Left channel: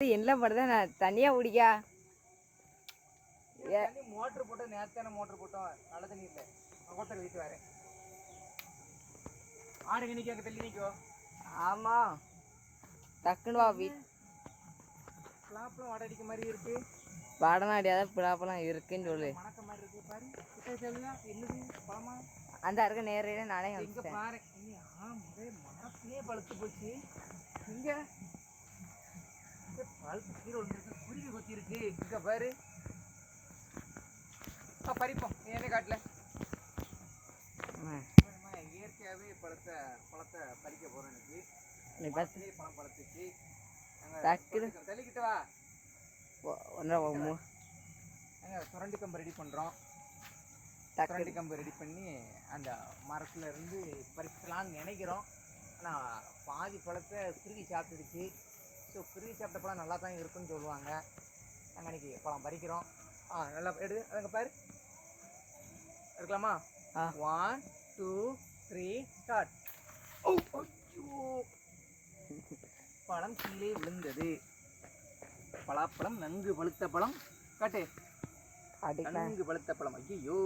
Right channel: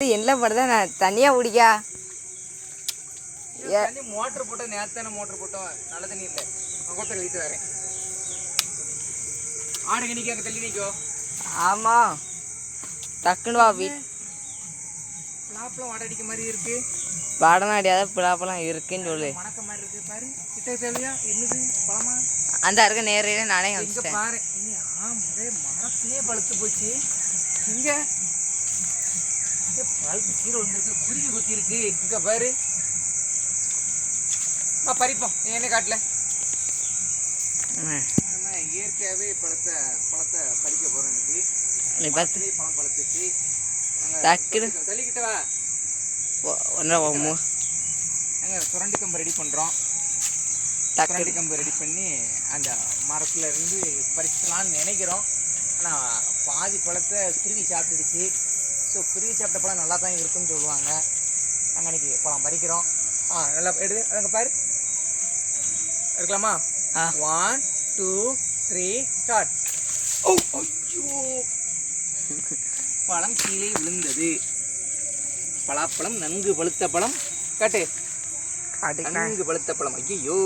என்ன பண்ணுறதா? நான் தனியாக குடிக்கா? மோட்டர் போட்டோம் நேரத்தான மோட்டர் போட்டோம். நல்ல தண்ணி இல்லை. கொத்த கழித்து வரேன். ஆடுங்க நிற்க அங்கே தள்ளி நிற்கோ ஆமாம் டக்குன்னு வா வீ லாப்லாம் வாட அடிக்க மாதிரி இருக்கு. வடனா அடியாத பிளாப்பெல்லாம் இருக்குன்னு சொல்லு. மணக்க மாதிரி இருக்கு. பாரு கிட்ட தேவையா? என்னது? பழமா? அந்த இருக்க நேரையில நானே இங்க காமிச்சிட்டேன் பாரு. ஆமாடே மரத்திலே பழுத்து போச்சு. இங்க இங்க பழுத்து கீழே வந்துருக்கு குருவி கொத்தி இருக்கு. இங்க பாரு. ஆ பறிப்போம். நீ என்ன காட்டல. நம்ம இயற்கையாகவே பழத்தை பழத்தை பறிக்க இன்னைக்கு. பழத்திலே பழம் பழுத்துச்சு. டக்குனு தள்ளிக்கிட்ட வா. ஒன்றரை மூ நாங்கள் சுரண்டி கம்பு ரெடி பண்ணுறோம் டக்கு சுரண்டி கம்பு ரெடி பண்ணி அந்த மரத்துல இருந்து பறிக்கலாம்னு நினைக்கிறோம். ஆனால் பாதி பழத்தை குருவி சாப்பிட்டுடுச்சு. ஸோ குருவி சாப்பிட்ட பழம் நல்லா தான் இருக்குன்னு சொல்லுவாங்க. நாங்கள் அன்றைக்கி பழம் பறிக்கிறோம் ஆ நல்லா எடு அங்கே பாரு. இருக்கலாமா. ஒன் டூ த்ரீ ஸ்டார்ட் ஓ ஐயோ. பழம் கீழே விழுந்தது. பலாப்பழம் நன்கு பழுத்த பழம். காட்டு. நன்கு பழுத்த பழம். ஐயோ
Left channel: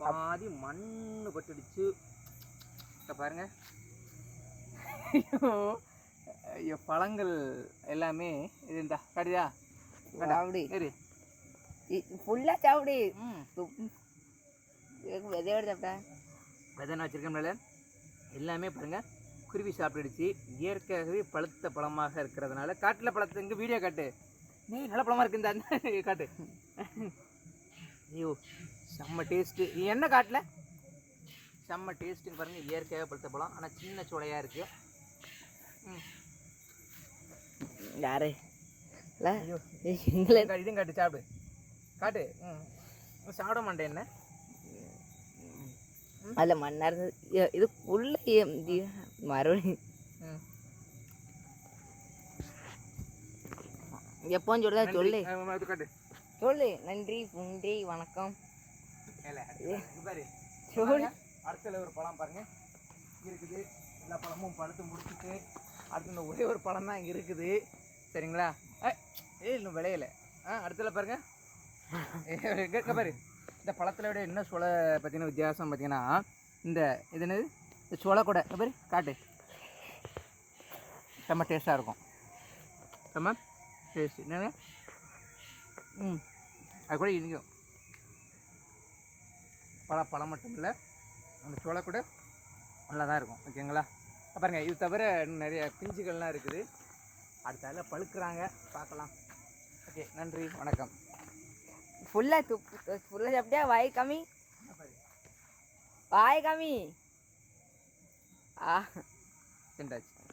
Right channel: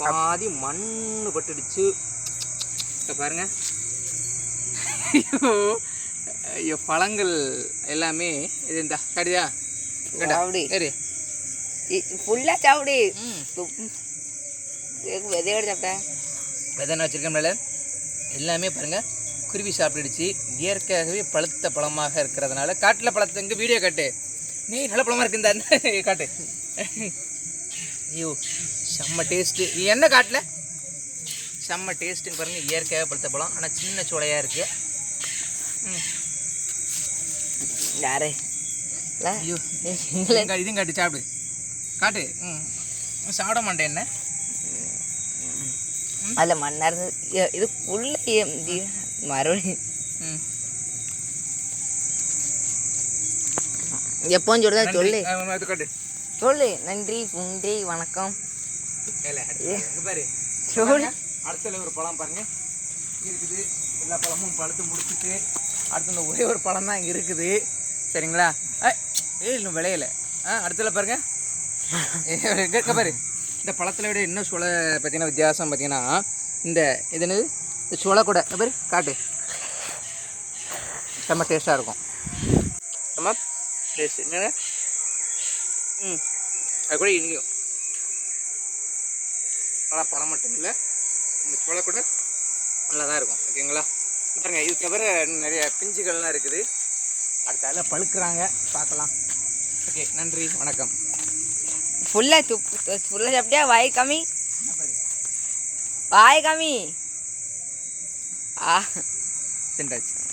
பாதி மண்ணு பட்டுடுச்சு. பாருங்க. ஐயோ. ஐயோ பழங்கள் எல்லாமே இது இந்த கடிதா சாப்பிடு சரி ஃபுல்லாக சாப்பிடு ம். விதையோட சாப்பிட்டேன். விதை வச்சிருக்கோம்ல எல்லாமே பாருங்க குருவி சாப்பிட்டுடுச்சு. இயற்கையாகவே பழுத்த பழமாக இருக்கிறதுனால காட்டில் பழத்தை இங்கே வீடியோ காட்டு. நீ நல்ல பழமா இருக்கு இந்த காட்டு. ஐயோ செம்ம டேஸ்ட்டு என்ன காட்டில்? செம்ம டேஸ்ட்டுன்னு பாருங்க இயற்கையாக பழுத்த பழம். ஆனால் சின்ன சோலையாக இருக்கு. ம். யாரு ஐயோ இதையும் காட்டு சாப்பிடு. காட்டு. ம். சாப்பிட மாட்டேன் என்ன? அதில் மண்ணா இருந்து இ- இது உள்ளே மறுபடியும் ம். எப்போன்னு சொல்லுதா சொல்லு. சொல்லு. நன்றி நன்றி வணக்கம். சொல்லு. அடுத்தல ஒரு பழம் பாருங்க. இருக்குது. எல்லா பழமும் பழுத்து முடிச்சுட்டு அடுத்து ஒரே ஒரு பழம் தான் இங்கே இருக்குது. சரிங்களா? ஏ ஏய் இன்னும் விளையல. ஆ அடுத்ததில் பாருங்கள் கேட்க பாரு. இந்த பழத்தில் விட என்ன சுளை பார்த்தீங்கன்னா வித்தியாசம் பார்த்தீங்கன்னா இந்த இது என்னது? இந்த சுளை கூட பாரு காட்டு. செம்ம டேஸ்ட்டாக இருக்கும். செம்ம டேஸ்ட் என்னங்க? ம். அது கூட இனிக்கும். பழம் பழம் மட்டும் இல்லை. இந்த சோளை கூட நல்லா தான் இருக்கும். ஓகேங்களா? பாருங்கள் இது தவிர நிறைய பிஞ்சுகள்லாம் இருக்குது. அடுத்தால பழுக்கிறாங்க. பார்க்கலாம். ஓகே நன்றி வணக்கம். ஃபுல்லாக துப்பு ஃபுல்லாக சாப்பிட்டியா? வாய் கம்மி. வாய் கம்மி. ஆ. திண்டாச்சு.